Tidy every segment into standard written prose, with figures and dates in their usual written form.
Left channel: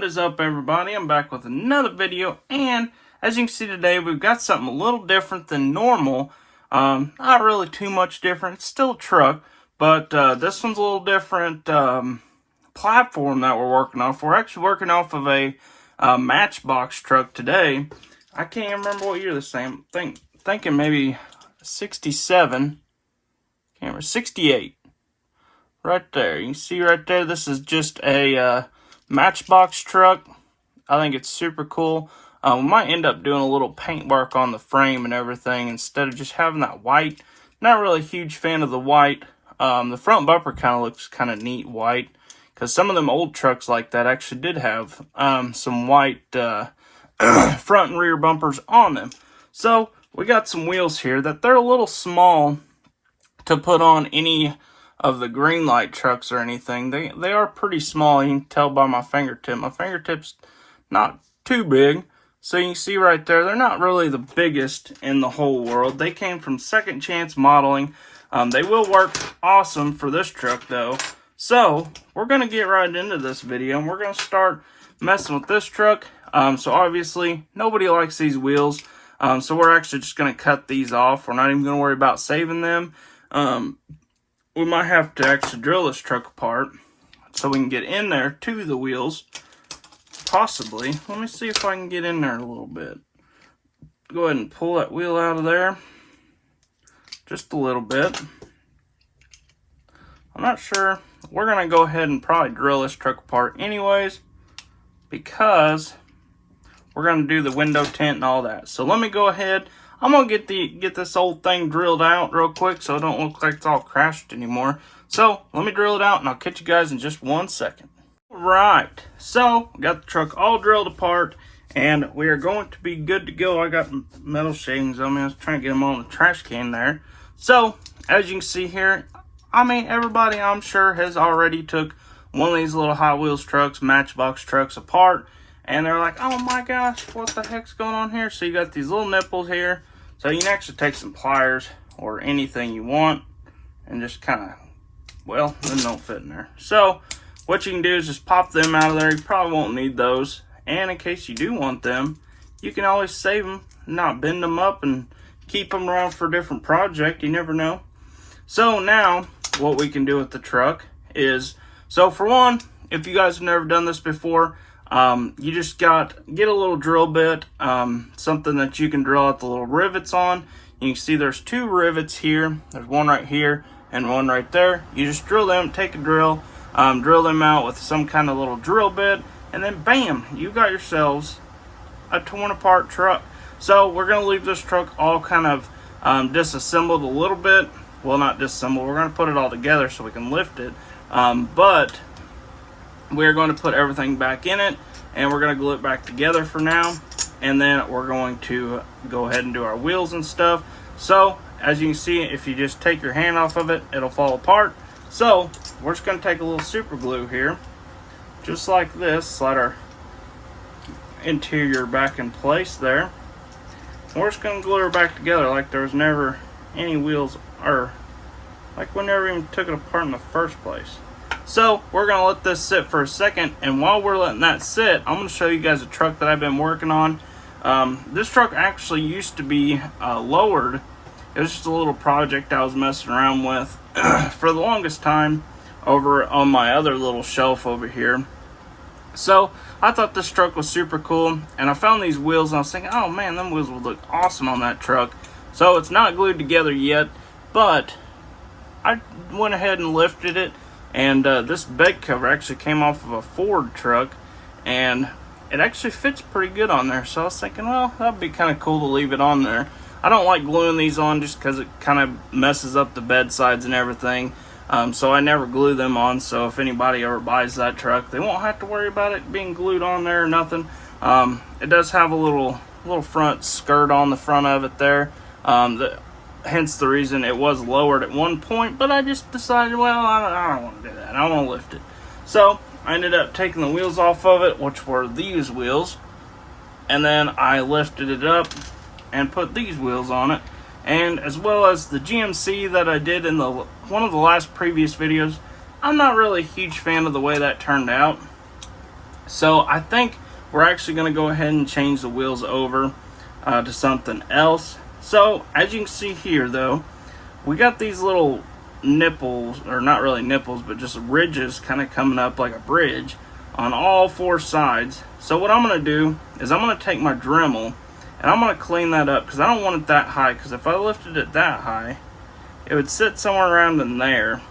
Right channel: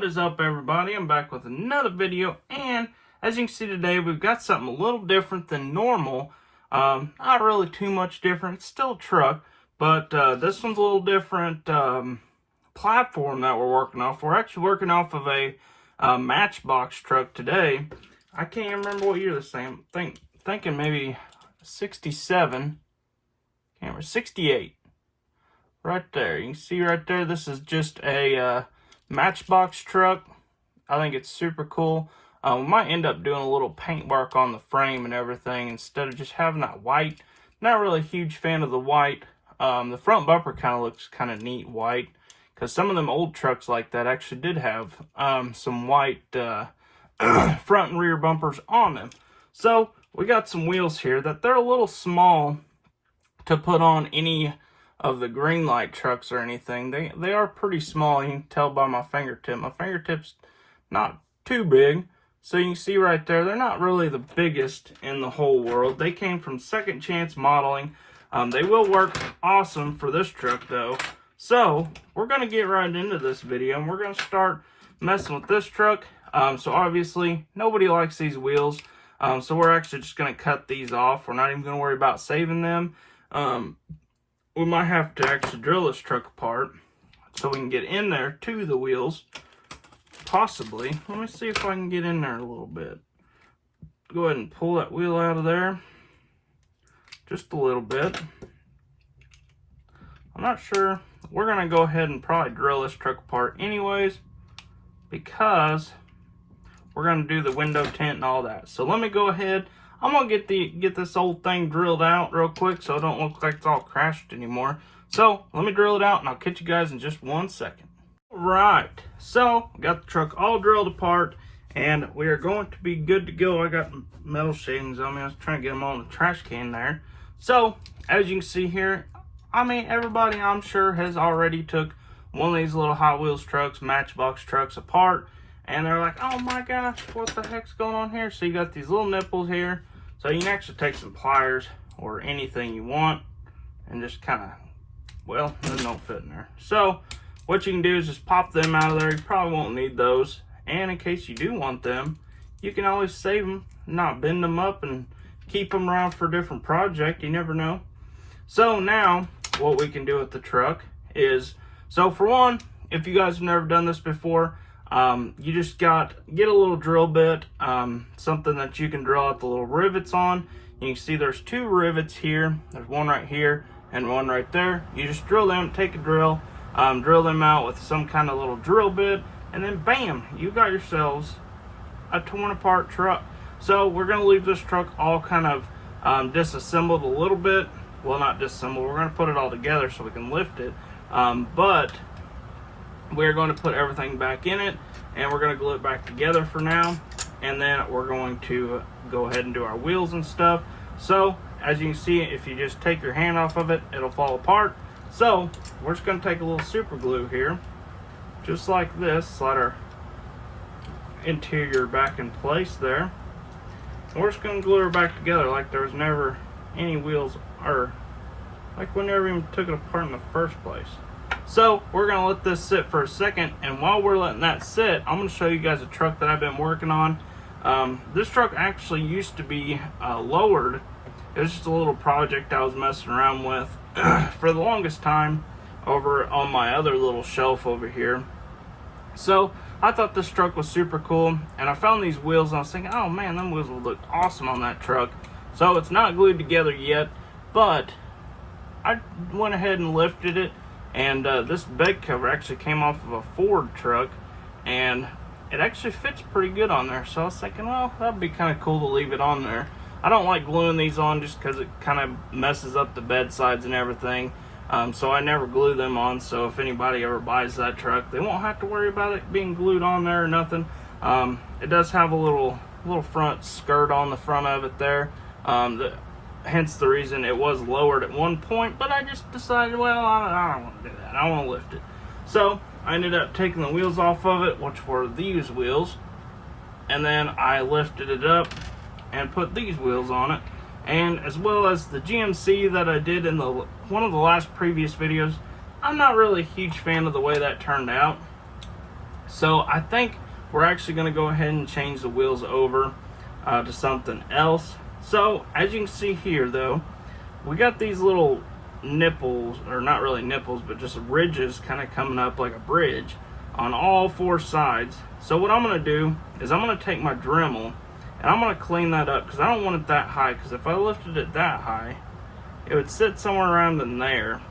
What is up, everybody? I'm back with another video, and as you can see today, we've got something a little different than normal. Not really too much different. It's still a truck, but this one's a little different platform that we're working off. We're actually working off of a matchbox truck today. I can't remember what year this thing. Thinking maybe 67. Can't remember, 68. Right there. You can see right there, this is just a matchbox truck. I think it's super cool. We might end up doing a little paint work on the frame and everything instead of just having that white. Not really a huge fan of the white. The front bumper kind of looks kind of neat white, because some of them old trucks like that actually did have some white front and rear bumpers on them. So we got some wheels here that they're a little small to put on any of the green light trucks or anything. They are pretty small. You can tell by my fingertip. My fingertip's not too big. So you can see right there, they're not really the biggest in the whole world. They came from Second Chance Modeling. They will work awesome for this truck though. So we're going to get right into this video, and we're going to start messing with this truck. So obviously nobody likes these wheels. So we're actually just going to cut these off. We're not even going to worry about saving them. We might have to actually drill this truck apart so we can get in there to the wheels. Possibly. Let me see if I can get in there a little bit. Go ahead and pull that wheel out of there. Just a little bit. I'm not sure. We're going to go ahead and probably drill this truck apart anyways, because we're going to do the window tint and all that. So let me go ahead. I'm going to get this old thing drilled out real quick so it don't look like it's all crashed anymore. So let me drill it out and I'll catch you guys in just 1 second. Alright, so we got the truck all drilled apart and we are going to be good to go. I got metal shavings on me. I was trying to get them on the trash can there. So as you can see here, I mean, everybody I'm sure has already took one of these little Hot Wheels trucks, matchbox trucks apart. And they're like, oh my gosh, what the heck's going on here? So you got these little nipples here. So you can actually take some pliers or anything you want and just kind of, well, they don't fit in there. So what you can do is just pop them out of there. You probably won't need those. And in case you do want them, you can always save them, not bend them up and keep them around for a different project. You never know. So now what we can do with the truck is, so for one, if you guys have never done this before, you just get a little drill bit, something that you can drill out the little rivets on. You can see there's 2 rivets here. There's one right here and one right there. You just drill them, take a drill, drill them out with some kind of little drill bit, and then bam, you got yourselves a torn apart truck. So we're going to leave this truck all kind of disassembled a little bit. Well, not disassembled. We're going to put it all together so we can lift it. But we're going to put everything back in it, and we're going to glue it back together for now, and then we're going to go ahead and do our wheels and stuff. So as you can see, if you just take your hand off of it, it'll fall apart. So we're just going to take a little super glue here, just like this, slide our interior back in place there. We're just going to glue her back together like there's never any wheels, or like we never even took it apart in the first place. So we're going to let this sit for a second, and while we're letting that sit, I'm going to show you guys a truck that I've been working on. This truck actually used to be lowered. It was just a little project I was messing around with for the longest time over on my other little shelf over here. So I thought this truck was super cool, and I found these wheels and I was thinking, oh man, them wheels would look awesome on that truck. So it's not glued together yet, but I went ahead and lifted it. And this bed cover actually came off of a Ford truck, and it actually fits pretty good on there. So I was thinking, well, that'd be kind of cool to leave it on there. I don't like gluing these on just because it kind of messes up the bed sides and everything. So I never glue them on. So if anybody ever buys that truck, they won't have to worry about it being glued on there or nothing. It does have a little front skirt on the front of it there. Hence the reason it was lowered at one point, but I just decided, well, I don't want to do that. I want to lift it. So I ended up taking the wheels off of it, which were these wheels, and then I lifted it up and put these wheels on it, and as well as the GMC that I did in one of the last previous videos. I'm not really a huge fan of the way that turned out. So I think we're actually going to go ahead and change the wheels over to something else. So as you can see here though, we got these little nipples, or not really nipples, but just ridges kind of coming up like a bridge on all four sides. So what I'm going to do is I'm going to take my Dremel and I'm going to clean that up, because I don't want it that high, because if I lifted it that high, it would sit somewhere around in there.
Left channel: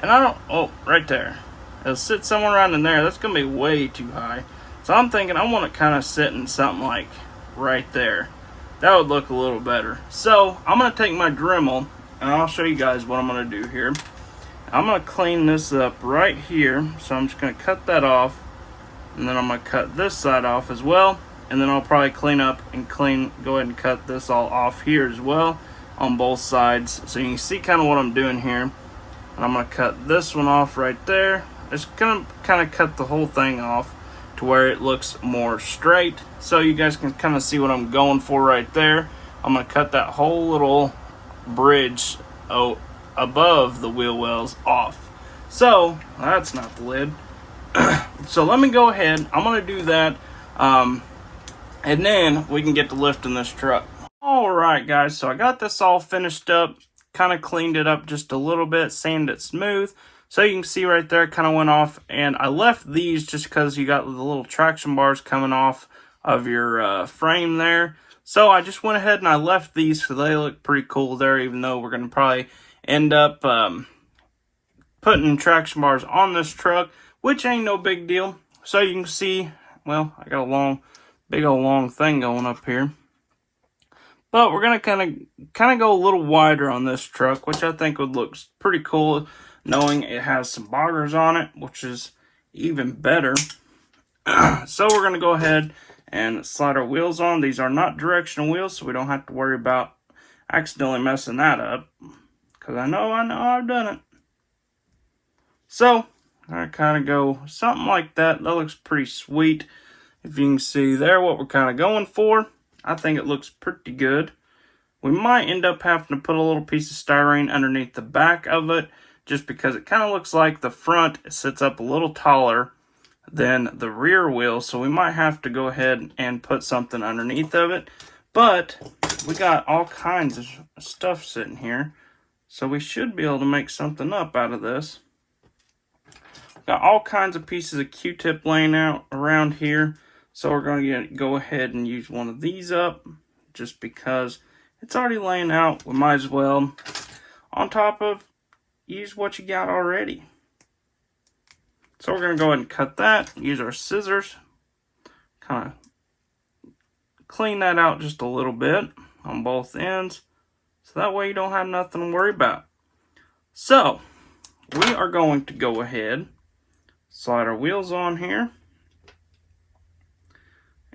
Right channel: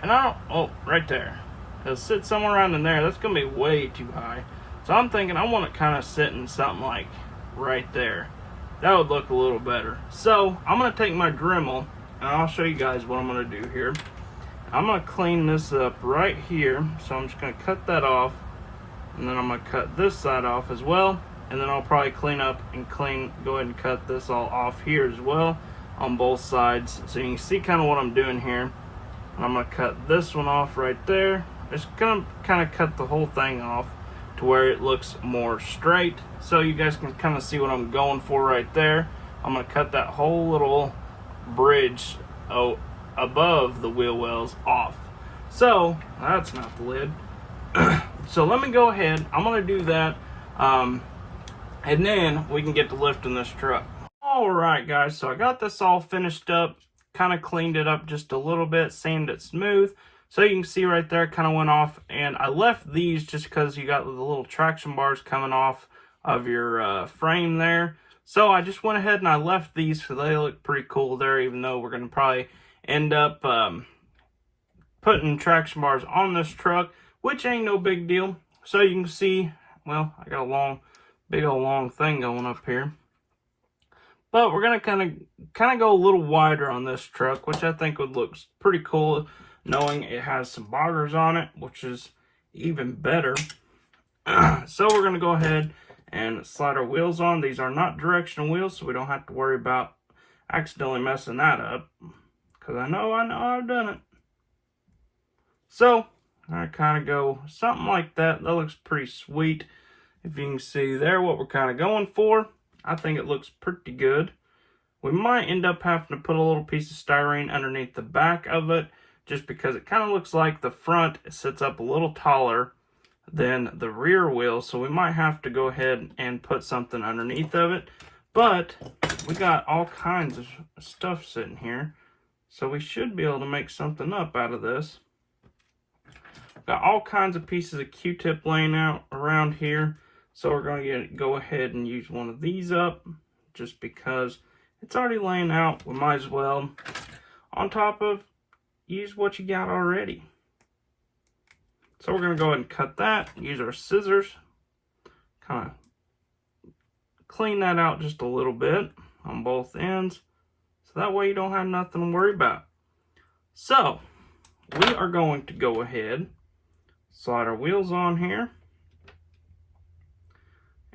And I don't, oh, right there. It'll sit somewhere around in there. That's going to be way too high. So I'm thinking I want it kind of sitting something like right there. That would look a little better. So I'm going to take my Dremel and I'll show you guys what I'm going to do here. I'm going to clean this up right here. So I'm just going to cut that off. And then I'm going to cut this side off as well. And then I'll probably clean up and go ahead and cut this all off here as well on both sides. So you can see kind of what I'm doing here. And I'm going to cut this one off right there. Just going to kind of cut the whole thing off to where it looks more straight. So you guys can kind of see what I'm going for right there. I'm going to cut that whole little bridge above the wheel wells off. So that's not the lid. So let me go ahead. I'm going to do that. And then we can get to lifting this truck. Alright guys, so I got this all finished up. Kind of cleaned it up just a little bit, sanded it smooth. So you can see right there, kind of went off. And I left these just because you got the little traction bars coming off of your frame there. So I just went ahead and I left these because they look pretty cool there, even though we're going to probably end up putting traction bars on this truck, which ain't no big deal. So you can see, well, I got a big old long thing going up here. But we're going to kind of go a little wider on this truck, which I think would look pretty cool, knowing it has some boggers on it, which is even better. So we're going to go ahead and slide our wheels on. These are not directional wheels, so we don't have to worry about accidentally messing that up, because I know I've done it. So I kind of go something like that. That looks pretty sweet. If you can see there what we're kind of going for, I think it looks pretty good. We might end up having to put a little piece of styrene underneath the back of it, just because it kind of looks like the front sits up a little taller than the rear wheel. So we might have to go ahead and put something underneath of it. But we got all kinds of stuff sitting here, so we should be able to make something up out of this. Got all kinds of pieces of Q-tip laying out around here. So we're going to go ahead and use one of these up, just because it's already laying out. We might as well, on top of, use what you got already. So we're going to go ahead and cut that, use our scissors, kind of clean that out just a little bit on both ends, so that way you don't have nothing to worry about. So we are going to go ahead, slide our wheels on here.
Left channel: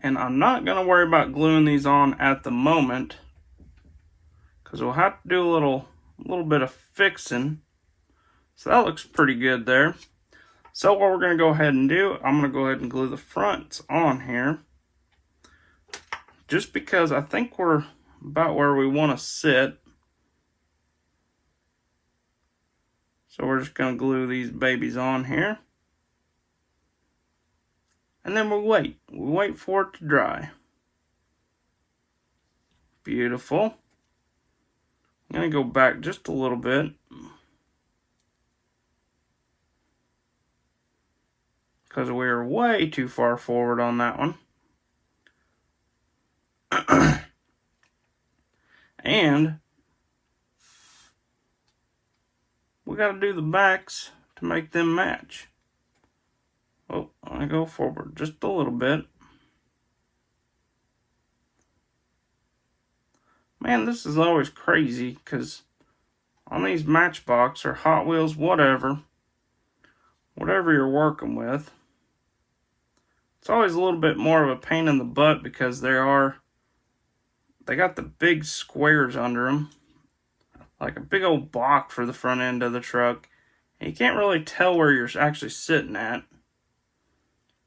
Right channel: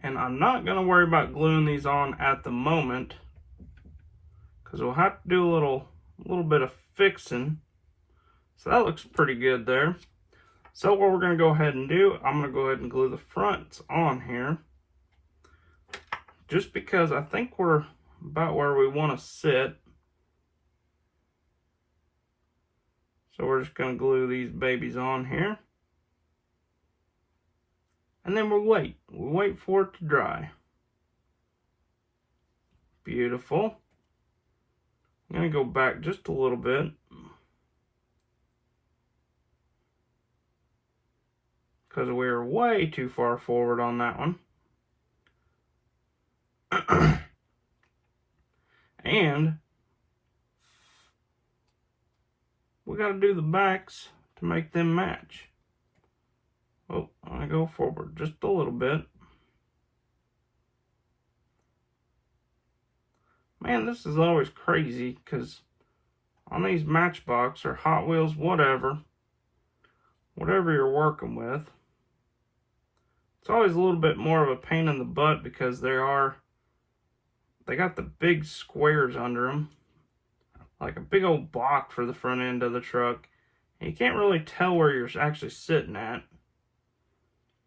And I'm not going to worry about gluing these on at the moment, because we'll have to do a little bit of fixing. So that looks pretty good there. So what we're going to go ahead and do, I'm going to go ahead and glue the fronts on here, just because I think we're about where we want to sit. So we're just going to glue these babies on here. And then we wait for it to dry. Beautiful. I'm going to go back just a little bit, because we were way too far forward on that one. And we got to do the backs to make them match. Oh, I go forward just a little bit. Man, this is always crazy, because on these Matchbox or Hot Wheels, whatever you're working with, it's always a little bit more of a pain in the butt, because they got the big squares under them, like a big old block for the front end of the truck, and you can't really tell where you're actually sitting at.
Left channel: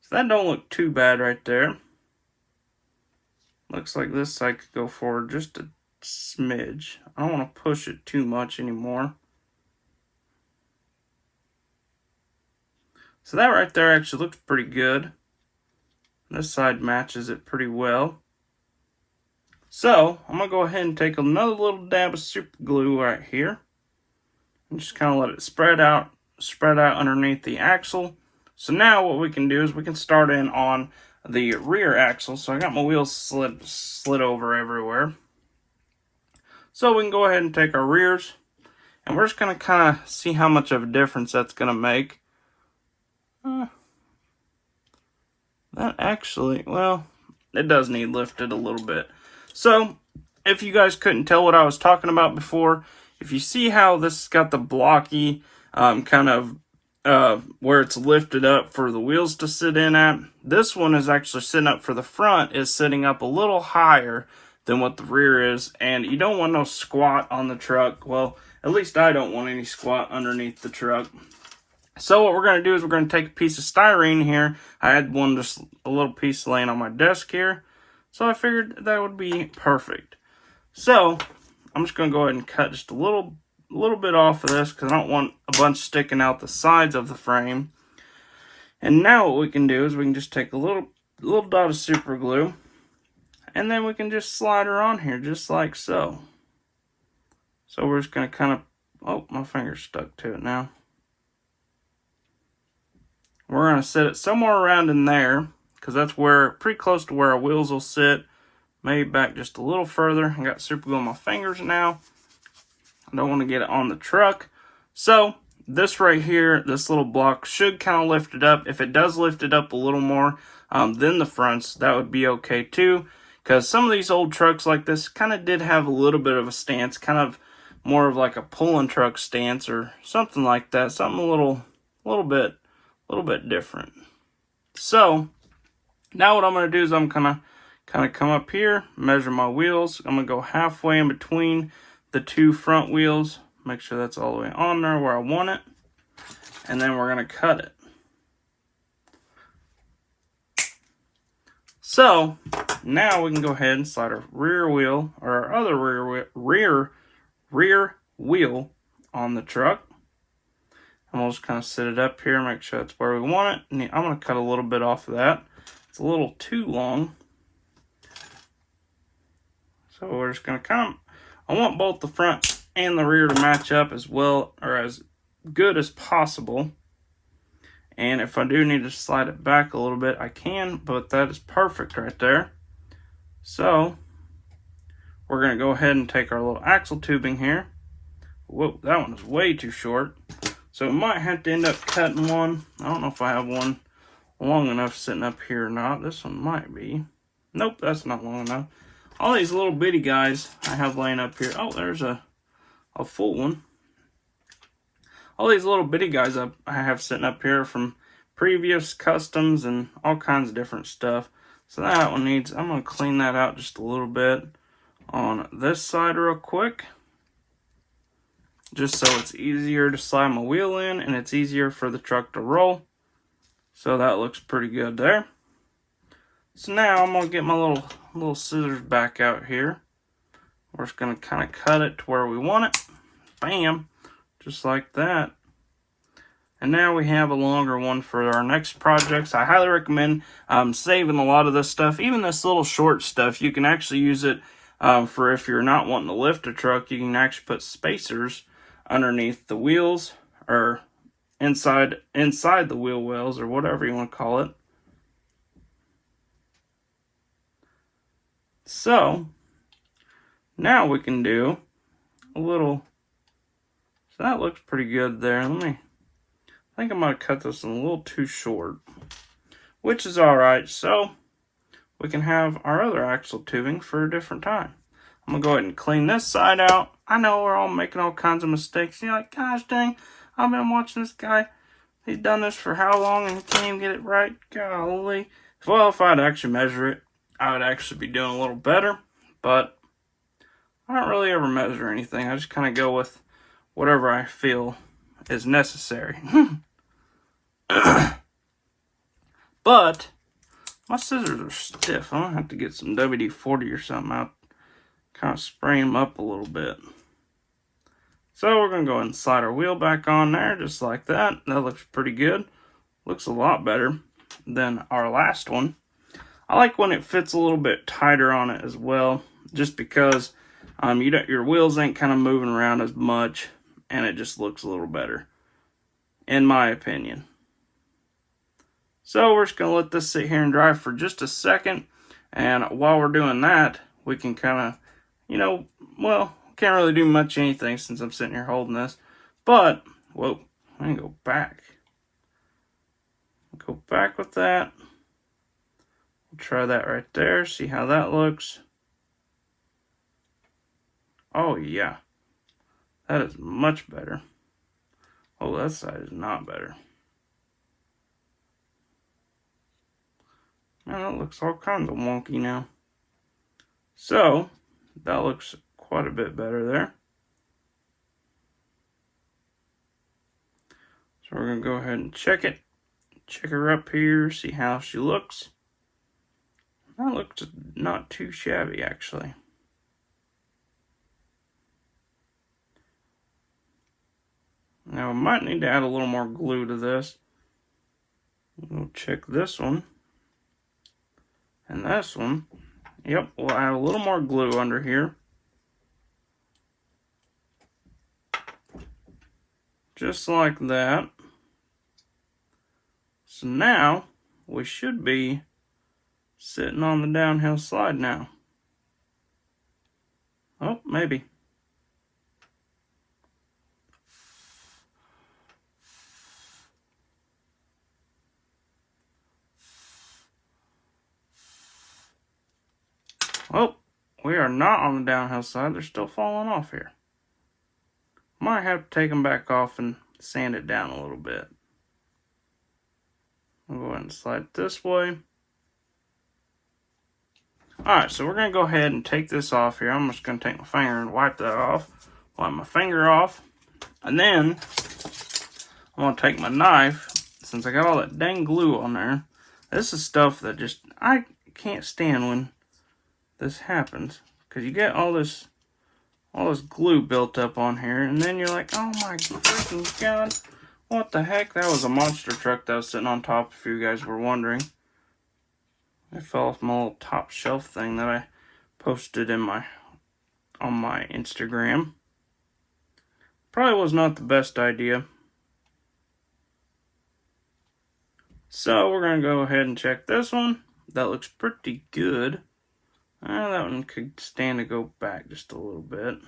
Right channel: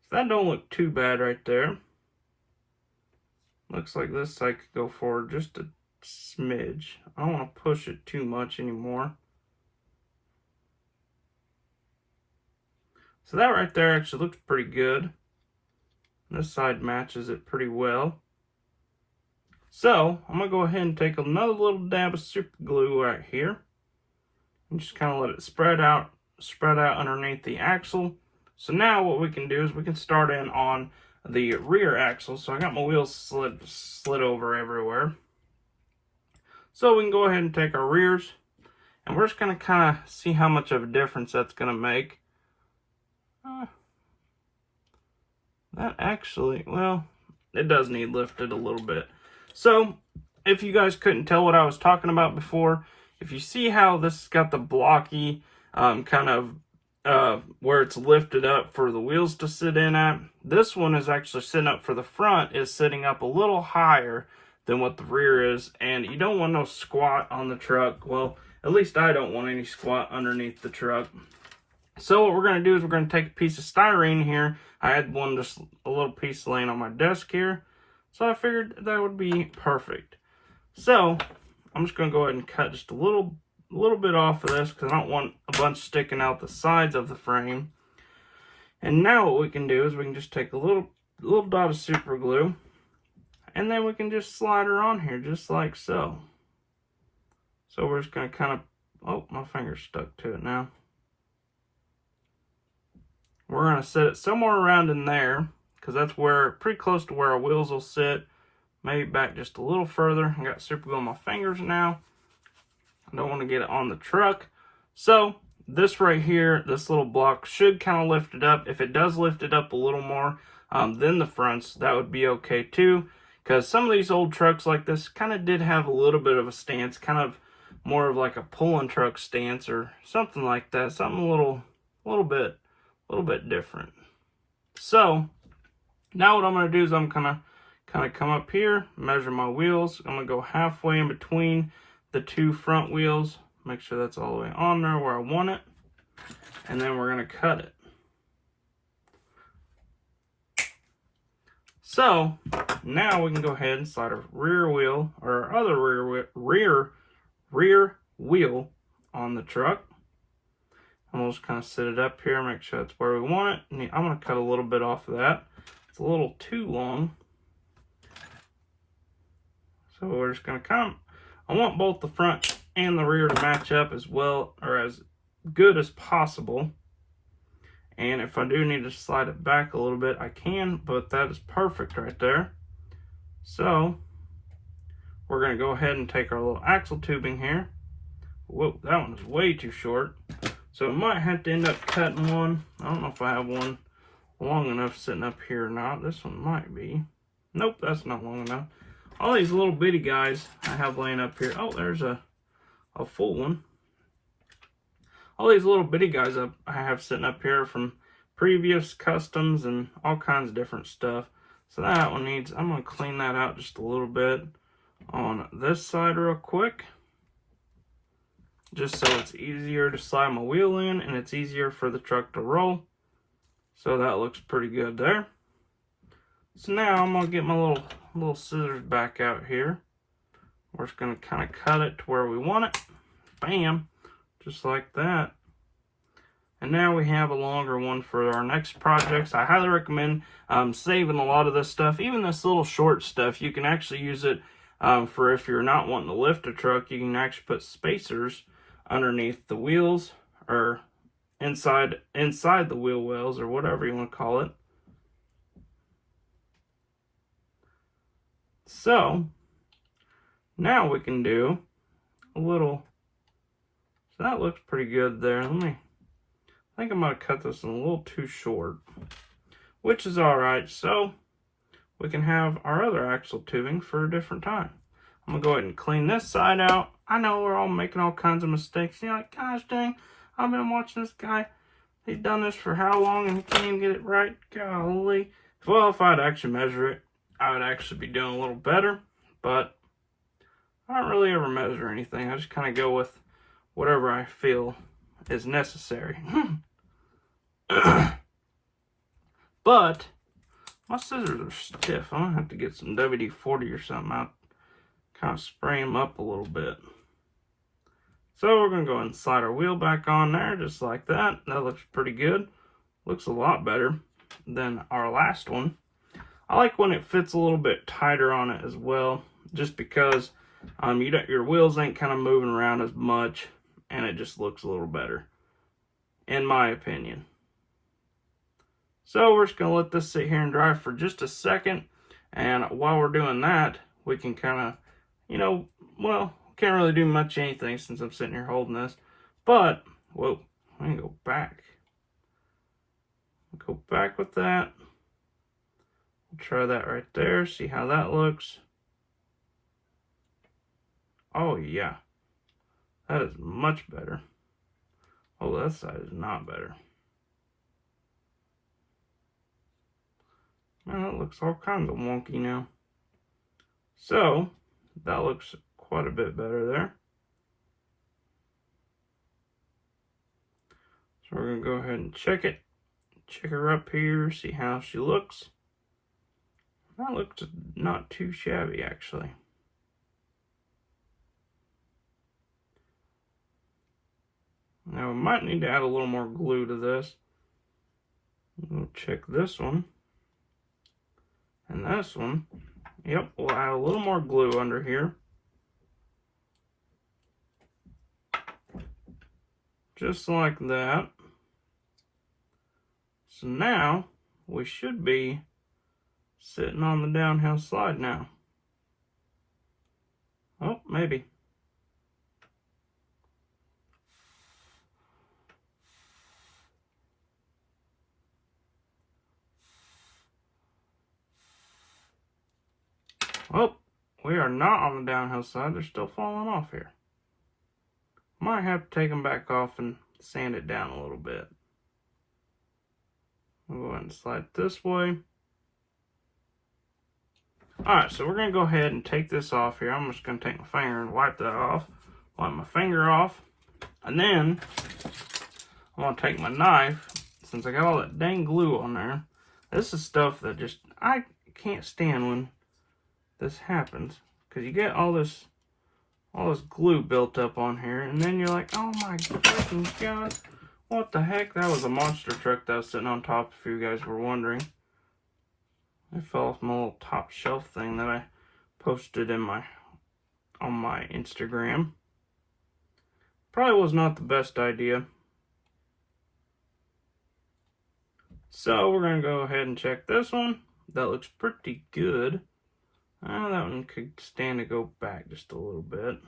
So that don't look too bad right there. Looks like this side could go forward just a smidge. I don't want to push it too much anymore. So that right there actually looks pretty good. This side matches it pretty well. So I'm going to go ahead and take another little dab of super glue right here. And just kind of let it spread out underneath the axle. So now what we can do is we can start in on the rear axle. So I got my wheels slid over everywhere. So we can go ahead and take our rears, and we're just going to kind of see how much of a difference that's going to make. That actually, well, it does need lifted a little bit. So if you guys couldn't tell what I was talking about before, if you see how this has got the blocky kind of where it's lifted up for the wheels to sit in at, this one is actually sitting up for the front, is sitting up a little higher than what the rear is, and you don't want no squat on the truck. Well, at least I don't want any squat underneath the truck. So what we're going to do is we're going to take a piece of styrene here. I had one, just a little piece laying on my desk here, so I figured that would be perfect. So I'm just going to go ahead and cut just a little bit off of this because I don't want a bunch sticking out the sides of the frame. And now what we can do is we can just take a little dot of super glue, and then we can just slide her on here just like so. So we're just going to kind of, oh, my finger's stuck to it now. We're going to set it somewhere around in there because that's where, pretty close to where our wheels will sit. Maybe back just a little further. I got super glue on my fingers now. I don't want to get it on the truck. So this right here, this little block should kind of lift it up. If it does lift it up a little more than the fronts, that would be okay too. Because some of these old trucks like this kind of did have a little bit of a stance, kind of more of like a pulling truck stance or something like that. Something a little bit different. So now what I'm going to do is I'm going to kind of come up here, measure my wheels. I'm going to go halfway in between the two front wheels, make sure that's all the way on there where I want it, and then we're going to cut it. So now we can go ahead and slide our rear wheel, or our other rear wheel on the truck. And we'll just kind of set it up here, make sure that's where we want it. And I'm going to cut a little bit off of that. It's a little too long. So we're just going to come. I want both the front and the rear to match up as well, or as good as possible. And if I do need to slide it back a little bit, I can, but that is perfect right there. So we're going to go ahead and take our little axle tubing here. Whoa, that one is way too short. So we might have to end up cutting one. I don't know if I have one long enough sitting up here or not. This one might be. Nope, that's not long enough. All these little bitty guys I have laying up here. Oh, there's a full one. All these little bitty guys I have sitting up here from previous customs and all kinds of different stuff. So that one needs, I'm going to clean that out just a little bit on this side real quick. Just so it's easier to slide my wheel in and it's easier for the truck to roll. So that looks pretty good there. So now I'm going to get my little scissors back out here. We're just going to kind of cut it to where we want it. Bam. Just like that. And now we have a longer one for our next projects. I highly recommend saving a lot of this stuff. Even this little short stuff, you can actually use it for if you're not wanting to lift a truck. You can actually put spacers underneath the wheels or inside the wheel wells or whatever you want to call it. So now we can do a little, so that looks pretty good there. I think I might cut this in a little too short, which is all right. So we can have our other axle tubing for a different time. I'm gonna go ahead and clean this side out. I know we're all making all kinds of mistakes. You're like, gosh dang, I've been watching this guy. He's done this for how long and he can't even get it right? Golly. Well, if I'd actually measure it, I would actually be doing a little better. But I don't really ever measure anything. I just kind of go with whatever I feel is necessary. But my scissors are stiff. I'm gonna have to get some WD-40 or something out, kind of spray them up a little bit. So we're gonna go ahead and slide our wheel back on there just like that. That looks pretty good. Looks a lot better than our last one. I like when it fits a little bit tighter on it as well, just because your wheels ain't kind of moving around as much, and it just looks a little better, in my opinion. So we're just going to let this sit here and dry for just a second, and while we're doing that, we can kind of, well, can't really do much anything since I'm sitting here holding this, but, whoa, let me go back. Go back with that. Try that right there, see how that looks. Oh yeah, that is much better. Oh, that side is not better. Man, that looks all kinds of wonky now. So, that looks quite a bit better there. So we're going to go ahead and check it. Check her up here, see how she looks. That looks not too shabby, actually. Now, I might need to add a little more glue to this. We'll check this one. And this one. Yep, we'll add a little more glue under here. Just like that. So now, we should be sitting on the downhill slide now. Oh, maybe. Oh, we are not on the downhill side. They're still falling off here. Might have to take them back off and sand it down a little bit. We'll go ahead and slide it this way. Alright, so we're going to go ahead and take this off here. I'm just going to take my finger and wipe that off. Wipe my finger off. And then, I'm going to take my knife, since I got all that dang glue on there. This is stuff that just, I can't stand when this happens. Because you get all this glue built up on here. And then you're like, oh my freaking god. What the heck? That was a monster truck that was sitting on top, if you guys were wondering. It fell off my little top shelf thing that I posted on my Instagram. Probably was not the best idea. So we're going to go ahead and check this one. That looks pretty good. That one could stand to go back just a little bit.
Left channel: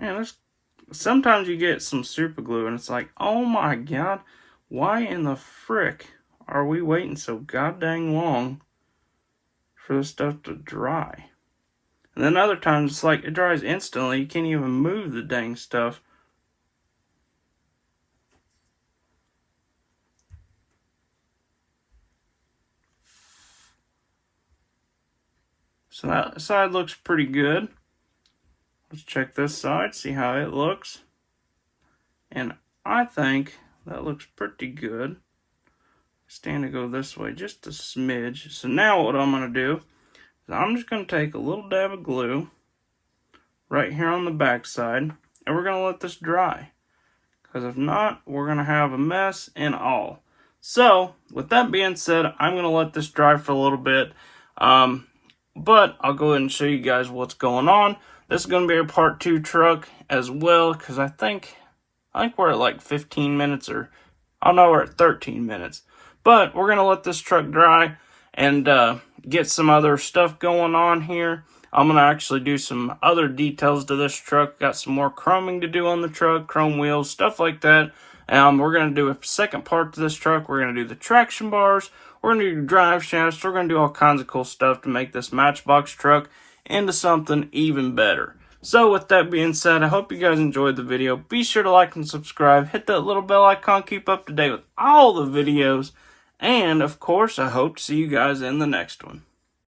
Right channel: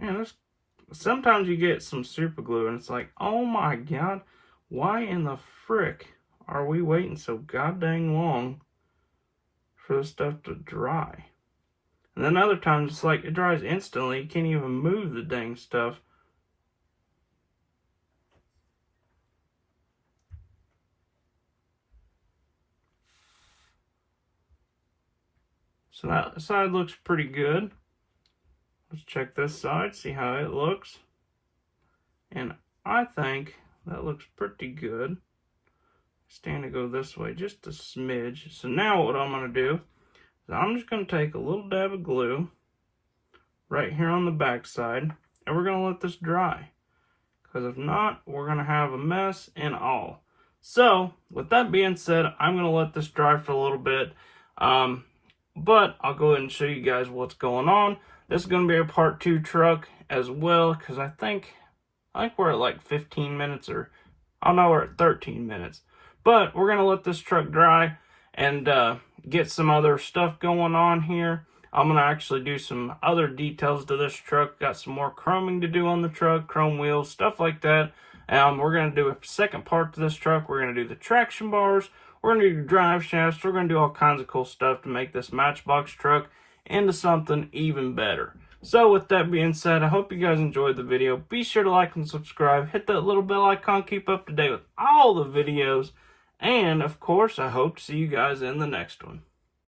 Man, sometimes you get some super glue and it's like, oh my god, why in the frick are we waiting so goddamn long for this stuff to dry? And then other times it's like it dries instantly, you can't even move the dang stuff. So that side looks pretty good. Let's check this side, see how it looks. And I think that looks pretty good. Stand to go this way just a smidge. So now what I'm going to do is I'm just going to take a little dab of glue right here on the back side, and we're going to let this dry. Because if not, we're going to have a mess and all. So with that being said, I'm going to let this dry for a little bit. But I'll go ahead and show you guys what's going on. This is going to be a part 2 truck as well, because I think we're at like 15 minutes, or I know we're at 13 minutes. But we're going to let this truck dry and get some other stuff going on here. I'm going to actually do some other details to this truck. Got some more chroming to do on the truck, chrome wheels, stuff like that. We're going to do a second part to this truck. We're going to do the traction bars. We're going to do drive shafts. We're going to do all kinds of cool stuff to make this Matchbox truck into something even better. So with that being said, I hope you guys enjoyed the video. Be sure to like and subscribe. Hit that little bell icon. Keep up to date with all the videos. And of course, I hope to see you guys in the next one.